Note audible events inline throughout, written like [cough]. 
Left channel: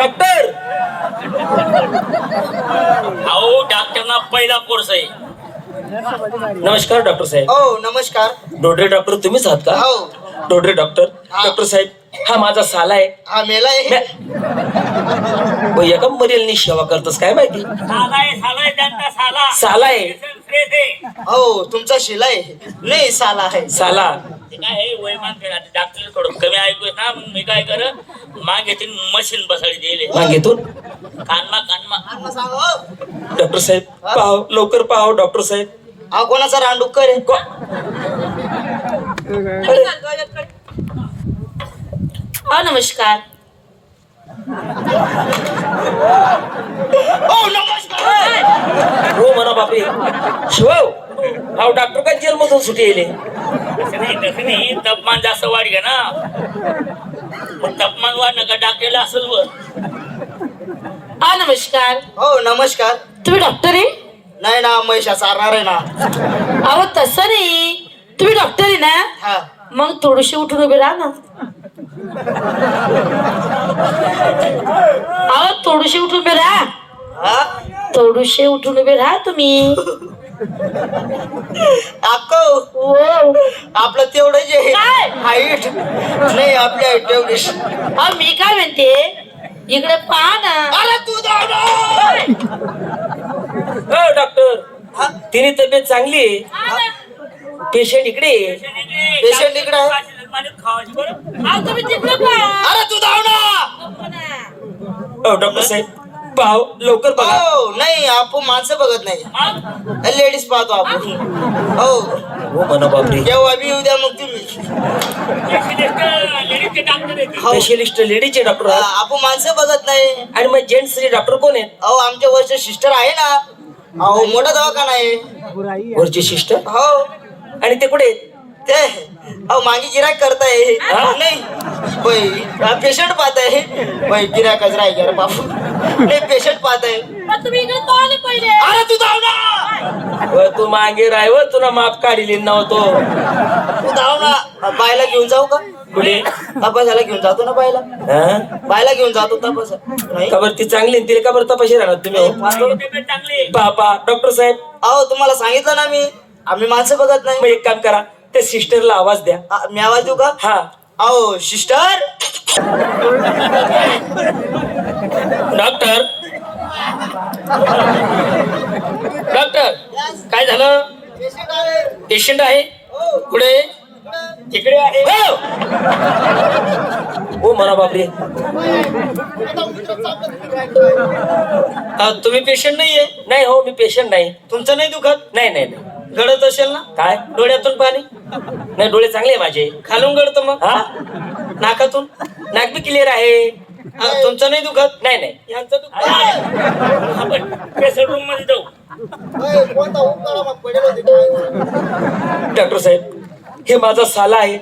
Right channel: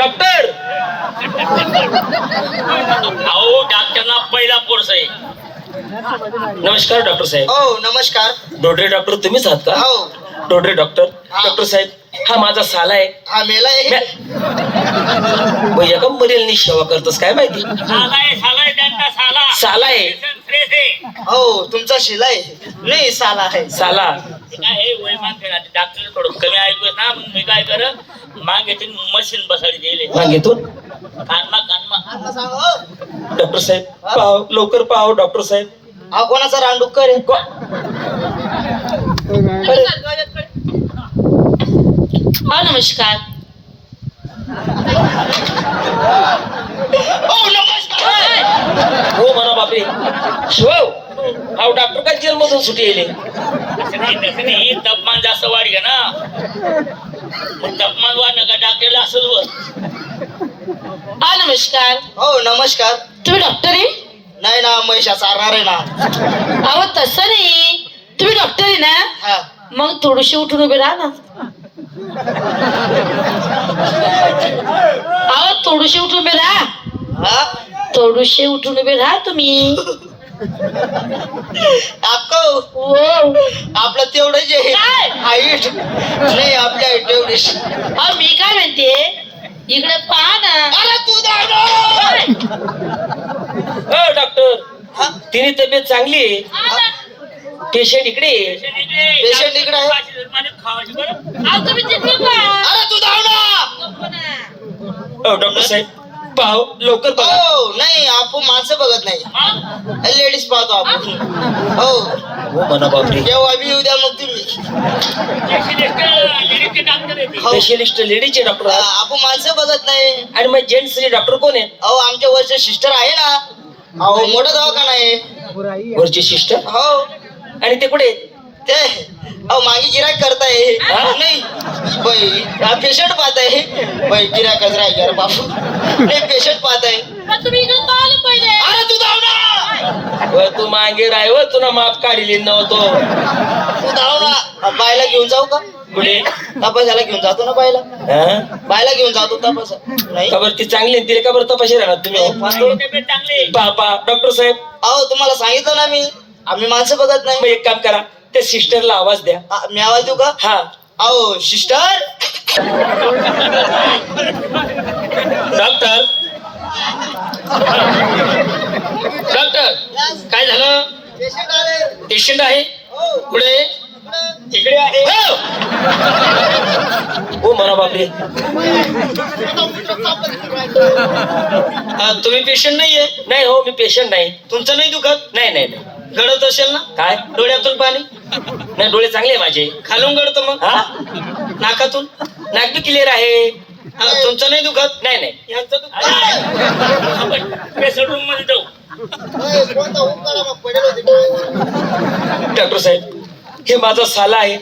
Doctor! अहो डॉक्टरना पहिला कोर्स आहे. नमस्कार डॉक्टर साहेब. हो नमस्कार. डोडरे डॉक्टर तुम्हीच आहात का? हो. डोडरे डॉक्टर डॉक्टर साहेब हा माझा साला आहे. हा मेलाय हो, एका मरेलनी सेवा करतोस काय माहिती? साला आहे साला आहे त्यांचा साला. साला आहे. फ्रेश आहे. हो तुमचा शिलाय नाही साला आहे. साला. काय आहे वयमान डॉक्टर थोडं कमी ऐकू येत ना मग मी काय कर मागे ते मशीन बसाडी दिले मागेतून? कानमा कानमा. हो. डॉक्टर साहेब पाहाव लवकर पाहाव डॉक्टर साहेब. हा कोणाचा रांडुक्कर आहे को- हा नमस्कार. हो हो म्हणा बापरे. शिव हा डॉक्टर काय जेल मधून सुटी येईल तापमान जास्त वाढ घ्या ना. तापमान वाढलं का डॉक्टरला असंच वर. हा नमस्कार. हो नमस्कार. तुम्ही डॉक्टर आहे? नाही ना महिषा चालणार आहे ना. अहो तसं नाही. तुम्ही डॉक्टर आहे ना? हा. मग थोडीशी उठून उभे राहा ना. अहो थोडीशी उठून उभे राहा. हा? थोडीशी उठून उभे राहा तुम्ही. अक्को हो. आपलं तेवढंच आहे काय? हाईट नाही आपली हाईट तेवढीच अहो मी काय म्हणते? इकडे पहा ना. अरे तू दादा! हो डॉक्टर हा? तिने तब्येत चांगली आहे? पेशंट इकडे आहे. Patient इकडे अरे तू दादा! गप्प ना. हो डॉक्टर साहेब पाहाव लवकर बघा. हो नाही आपण माणसं बघत नाही. लेडीज पाहतो आपण हो. हो म्हणा बापरे. केव्हा बी उद्या मग तुम्ही. लेडीजचे डॉक्टर येते हो. स्पेशलिस्ट लेडीचे डॉक्टर. हा, आहात. आपण माणसं बघत नाही. आणि मग जेंट्स डॉक्टर कोण आहेत? अहो आमच्या वरचे सिस्टर आहे ना. अहो मोठा दवाखाना आहे. वरची सिस्टर? हो. आणि ते कुठे आहेत? ते अहो मागे गिराक करताय. हा? नाही. बाई पेशंट पाहताय. बाई गिराकच राही अरे बापू. नाही पेशंट पाहताय. पण तुम्ही इकडे पाहिलं पहिले. अरे तू धाव ना व तू मागे राय व तुला माप काढली नव्हतो. तू धाव ना बायला घेऊन जाऊ का? कुठे? तपासायला घेऊन जातो ना बायला? हा? बायला घेऊन जातो तपासा. नाही. का बरं ती चांगली तिला का बरं तपाशी राहणार तुम्ही? हो? पापा डॉक्टर साहेब. अहो तुम्हाला सांगितलं ना मी. आम्ही माणसं बघत मग नाही एक काम करा. त्या सिस्टरला आवाज द्या. आ, मी आवाज देऊ का? हा. अहो सिस्टर? डॉक्टर? डॉक्टर काय झालं? पेशंट आहे? हो. कुठे इकडे आहे. हो! हो म्हणा बापरे. हा, तुम्ही पेशंट नाहीये? नाही हो मी पेशंट नाही. तुमचं नाही दुखत? नाही नाही नाही. गळत असेल ना? काय? डोळ्यातून पाणी? नाही डोळे चांगले माझे. खालून गळतं मग? हा? नाकातून? नाक बी क्लिअर आहे. हा, तुमचं नाही दुखत? नाही नाही. यांचं दुखत. आपण पेशंट रूममध्ये जाऊ. डॉक्टर साहेब हे माझा साला आहे.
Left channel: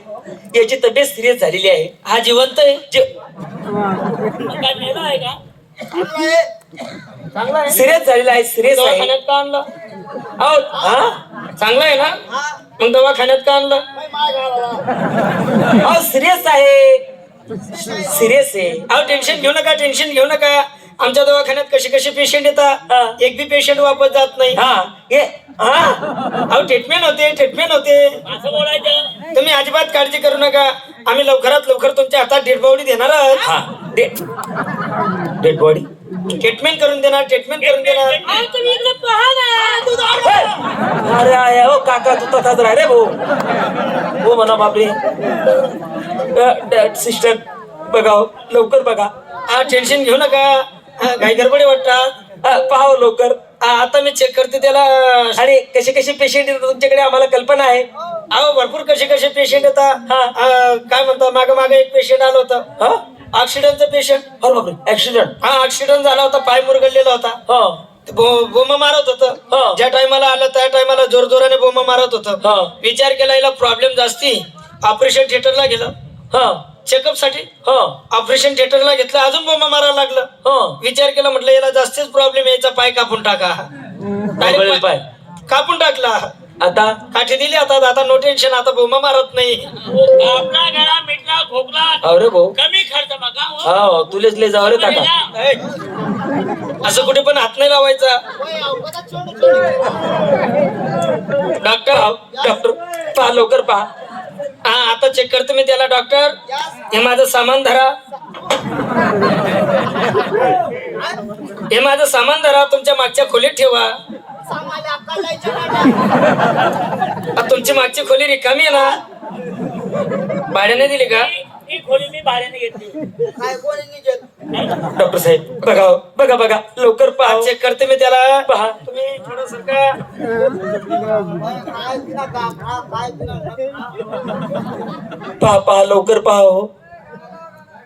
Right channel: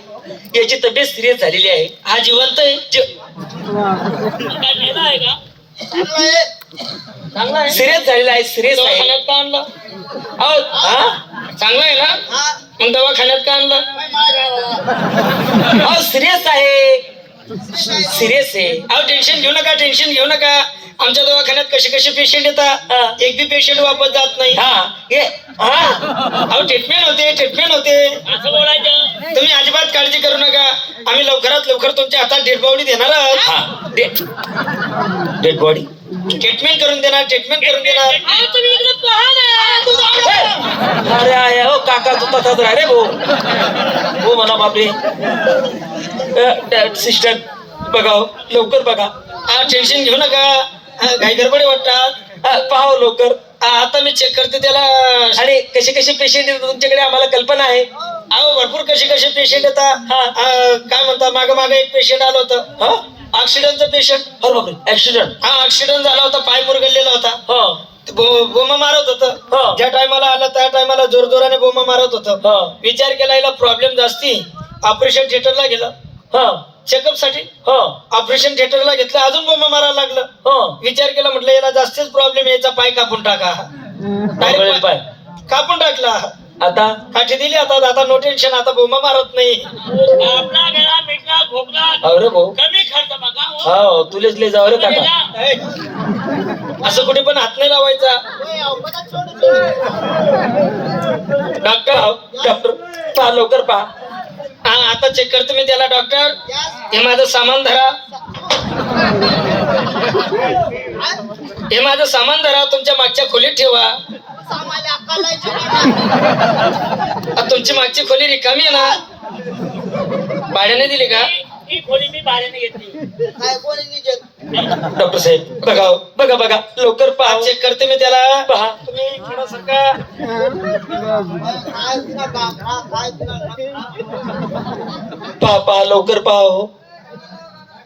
याची तब्येत सिरियस झालेली आहे. हा जिवंत आहे? जे- काय आहे का चांगला आहे. सिरियस झालेला आहे सिरियस आहे. दवाखान्यात का आणला? अहो, हा? चांगला आहे ना? मग दवाखान्यात का आणला? अहो सिरियस आहे. सिरियस आहे. अहो टेन्शन घेऊ नका टेन्शन घेऊ नका. आमच्या दवाखान्यात कसे कसे पेशंट हा. येतात एक बी पेशंट वापस जात नाही. हा. हा ट्रीटमेंट होते ट्रीटमेंट होते. असं बोलायचं. तुम्ही अजिबात काळजी करू नका. आम्ही लवकरात लवकर तुमच्या हातात डेडबावडी देणार आहोत. हा. डेड डेड बॉडी ट्रीटमेंट करून देणार ट्रीटमेंट करून देणार. अहो तुम्ही इकडे पहा ना. अरे आहे हो काका तू तसाच राह रे भाऊ. हो म्हणा बापरे. सिस्टर बघाव लवकर बघा. हा टेन्शन घेऊ नका. हा, काही गडबडी वाटतात हा, पाहाव लवकर. आता मी चेक करते त्याला. आणि कसे कसे पेशंट येतात तुमच्याकडे? आम्हाला कल्पना आहे. अहो भरपूर कसे कसे पेशंट येतात काय म्हणता मागे मागे एक पेशंट आलं होतं. ऑक्सिडंटचं पेशंट अरे बापरे ऍक्सिडेंट हा ऍक्सिडेंट झाला होता पाय मुरगळलेला होता. हा. बोमा मारत. होतं. ज्या टायमाला आलं त्या टायमाला जोर जोराने बोमा मारत हा. होतं विचार केला याला प्रॉब्लेम जास्ती. ऑपरेशन थिएटरला गेलं. हा. चेकअपसाठी हा. ऑपरेशन थिएटरला घेतलं अजून बोमा मारायला लागलं. हा. विचार केला म्हटलं याला जास्तच प्रॉब्लेम याचा पाय कापून टाका. डायरेक्ट पाय. कापून टाकला. आता? काठी दिली आता आता नो टेन्शन आता बोमा मारत नाही. आपला गळा मिटला खोकला. अरे भाऊ. कमी खर्च बघा हो. तुलेच लय जाऊ रे काका असं कुठे पण हात नाही लावायचा. डॉक्टर डॉक्टर पहा लवकर पहा. हा आता चेक करतो मी त्याला डॉक्टर हे माझं सामान धरा. हे माझं सामान धरा तुमच्या मागच्या खोलीत ठेवा. तुमची मागची खोली रिकामी आहे ना? भाड्याने दिली का? ही- ही खोली मी भाड्याने घेतली? डॉक्टर साहेब बघा हो, बघा बघा. लवकर पहा. चेक करते मी त्याला. पहा. तुम्ही थोडं सरका पहा पहा लवकर पहा हो.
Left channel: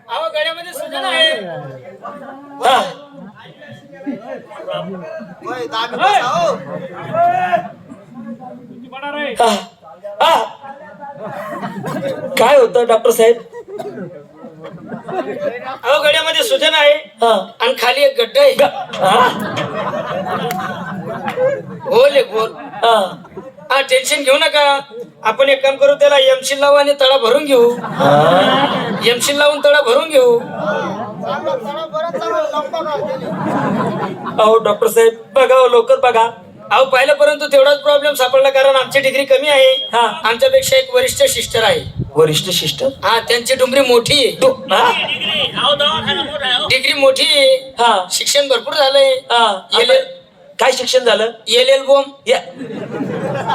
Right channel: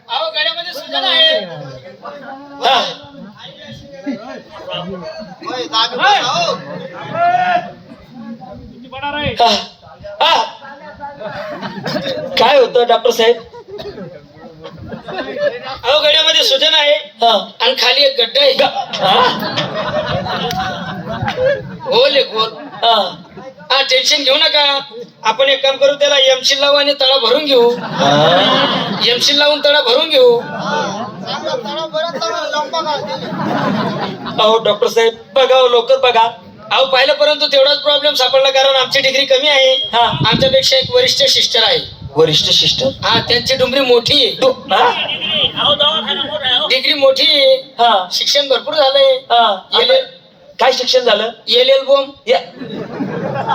अहो गड्यामध्ये सुजन आहे. हा. हा. हा. काय होतं डॉक्टर साहेब? अहो गड्यामध्ये सुजन आहे हा. आणि खाली एक गड्डा आहे. हा? गोल आहे गोल हा. टेन्शन घेऊ नका. आपण एक काम करू त्याला एमशील लावू आणि तळा भरून घेऊ. हा. एमशील लावून तळा भरून घेऊ. अहो डॉक्टर साहेब बघा हो, लवकर बघा. अहो पहिल्यापर्यंत तेवढाच प्रॉब्लेम सापडला कारण आमची डिग्री कमी आहे. हा. आमच्यापेक्षा एक वरिष्ठ सिस्टर आहे. वरिष्ठ शिष्टर हा त्यांची डुंगरी मोठी. आहे? डिग्री मोठा आहे हो. डिग्री मोठी. आहे हा. शिक्षण भरपूर झालंय. हा. एल काय शिक्षण झालं? एल एल बोम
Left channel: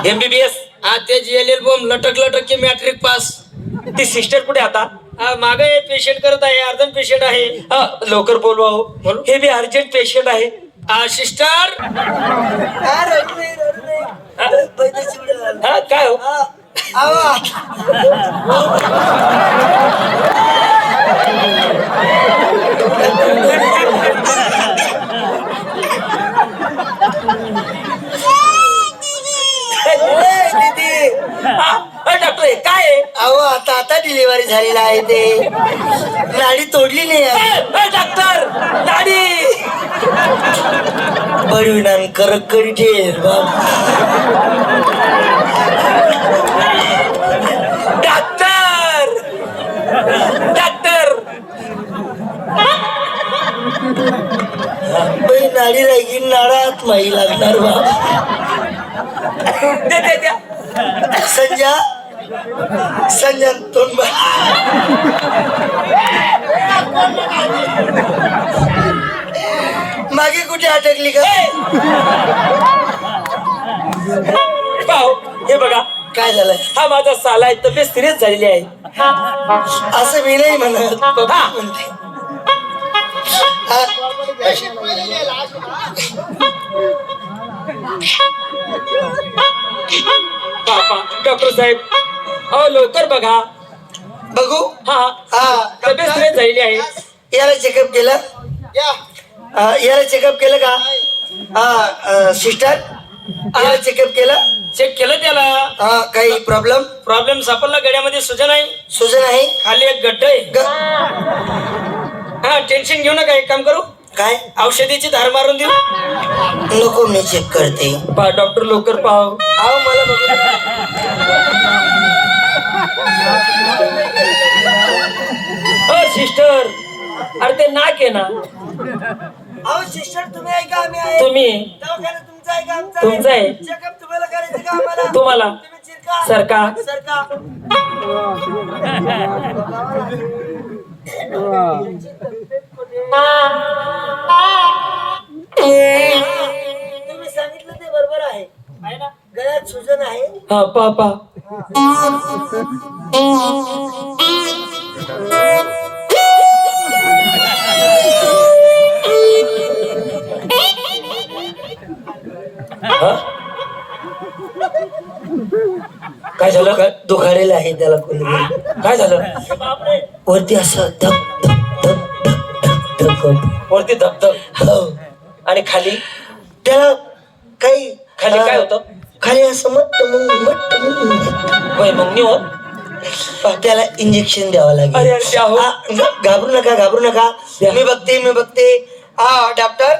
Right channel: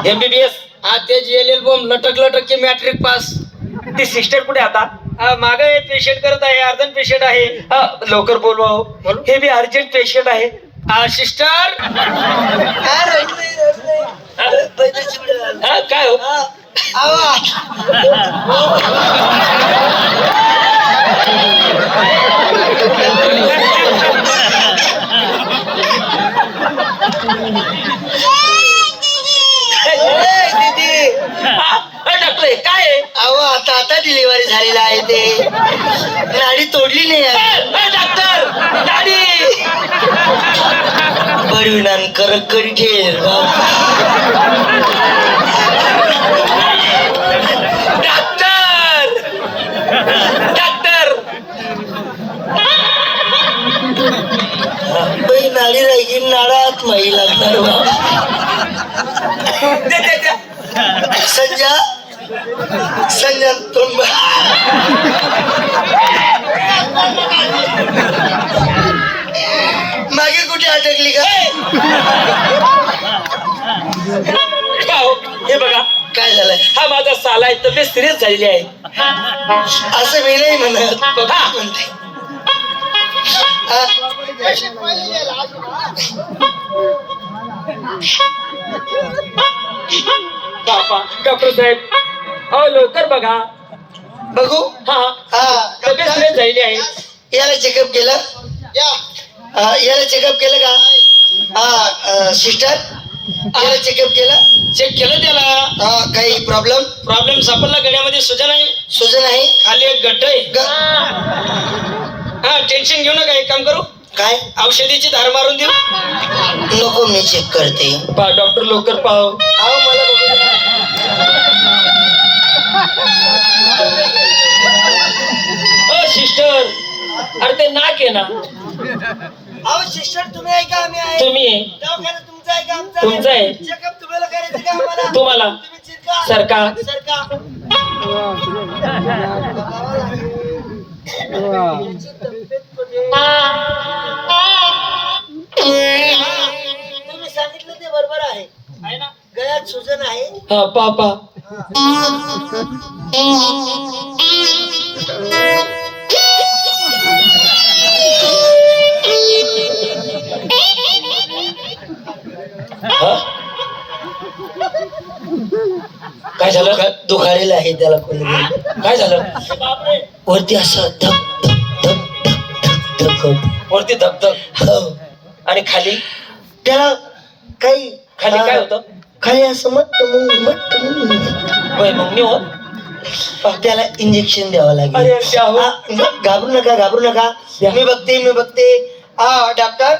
एमबीबीएस हा तेच एल एल बोम लटक लटक की मॅट्रिक पास ती सिस्टर कुठे आता? हा मागे पेशंट करत आहे अर्धन पेशंट आहे. हा, लवकर बोलवा हो. हे बी अर्जंट पेशंट आहे. हा सिस्टर हा, काय हा, डॉक्टर काय अहो आता आता डिलिव्हरी झालेला आहे ते. नाडी तोडली नाही आहे. डॉक्टर गाडी परिणाम करक ठेल डॉक्टर डॉक्टर नाडी राहिली नाडात माही लागणार बा. दे दे द्या संजा संजा तोंड मागे कुठे अटकली हे बघा. काय झालं हा माझा साला आहे तब्येत सिरियस झालेली आहे. असं मी नाही म्हणत हा. म्हणते. बापा डॉक्टर साहेब अहो लवकर बघा. बघू. हा हा. तब्येत सिरियस झालेली आहे. याला चेकअप केलं? हा, याला चेकअप केलं का? हा सिस्टर याला चेकअप केलं? चेक केलं त्याला. हा काही प्रॉब्लेम प्रॉब्लेम सापडला गड्यामध्ये सुजन आहे. सुजन आहे? खाली एक गड्ड आहे. ग- हा टेन्शन घेऊ नका एक काम करू. काय? औषधीची धार मारून देऊ? नको मी चेक करते. पहा डॉक्टर लवकर पाहो. अहो मला बघू द्या. अ सिस्टर अरे ते नाक आहे ना. अहो सिस्टर तुम्ही आहे का? आम्ही आहे. तुम्ही आहे. दवाखाना तुमचा आहे का? आमचा तुमचा आहे. चेकअप तुम्हाला करायचं का आम्हाला? तुम्हाला. तुम्ही चिरका. सरका. हा हा? काय झालं? काय? दुखालेलं आहे त्याला कोणी? काय झालं? वरती असं धक धक धक धक धक होतं. वरती धबधब हो. आणि खाली त्याला काही खाली काय होतं? खाली असं मट्ट मग मट्ट मग होय मग मी हो. त्याला इंजेक्शन द्यावं अरे लागेल द्या हो. घाबरू नका घाबरू नका. द्या. मी बघते मी बघते. हा डॉक्टर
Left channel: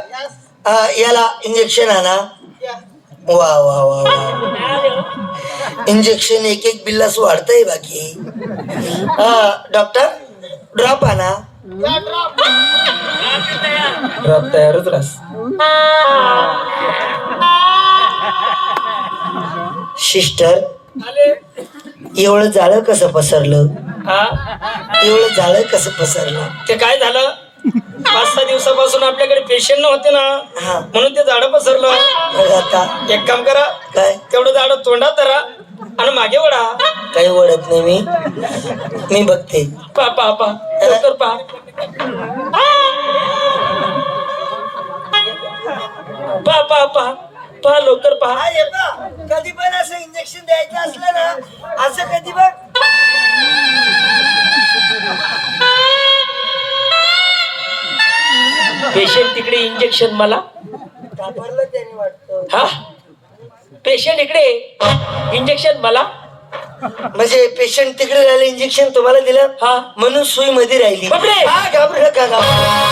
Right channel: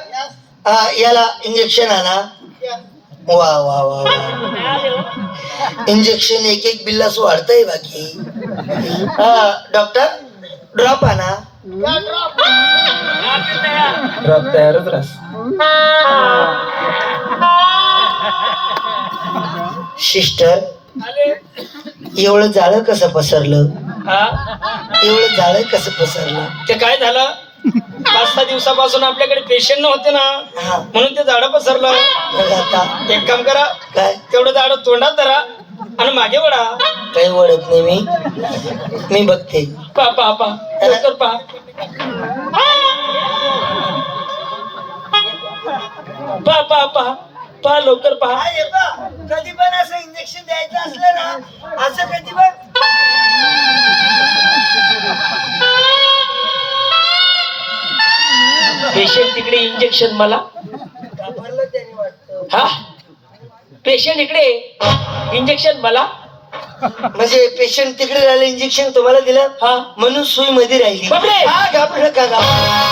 हा, याला इंजेक्शन आणा. वा वा वा वा. इंजेक्शन एक एक बिल्लास वाढतंय बाकी. हा डॉक्टर ड्रॉप आणा. ड्रॉप तयारच रास [laughs] [laughs] सिस्टर एवढं जाळं कसं पसरलं? हा? एवढं जाळं कसं पसरलं? ते काय झालं? पाच सहा दिवसापासून आपल्याकडे पेशंट नव्हते ना. म्हणून ते झाडं पसरलं. मग आता? एक काम करा. काय? तेवढं झाड तोंडात धरा आणि मागे वडा काही ओळख नाही मी. मी बघते. पा पा पा. लवकर पा. पा पा पा. पा लवकर पहा. कधी पण असं इंजेक्शन द्यायचं असलं ना असं कधी पण पेशंट तिकडे इंजेक्शन मला. घाबरलं त्याने वाटतं. हा. पेशंट इकडे. इंजेक्शन मला. म्हणजे पेशंट तिकडे राहिलं इंजेक्शन तुम्हाला दिलं? हा. म्हणून सुई मध्ये राहिली. बापरे! हा, घाबरू नका घाबरू नका.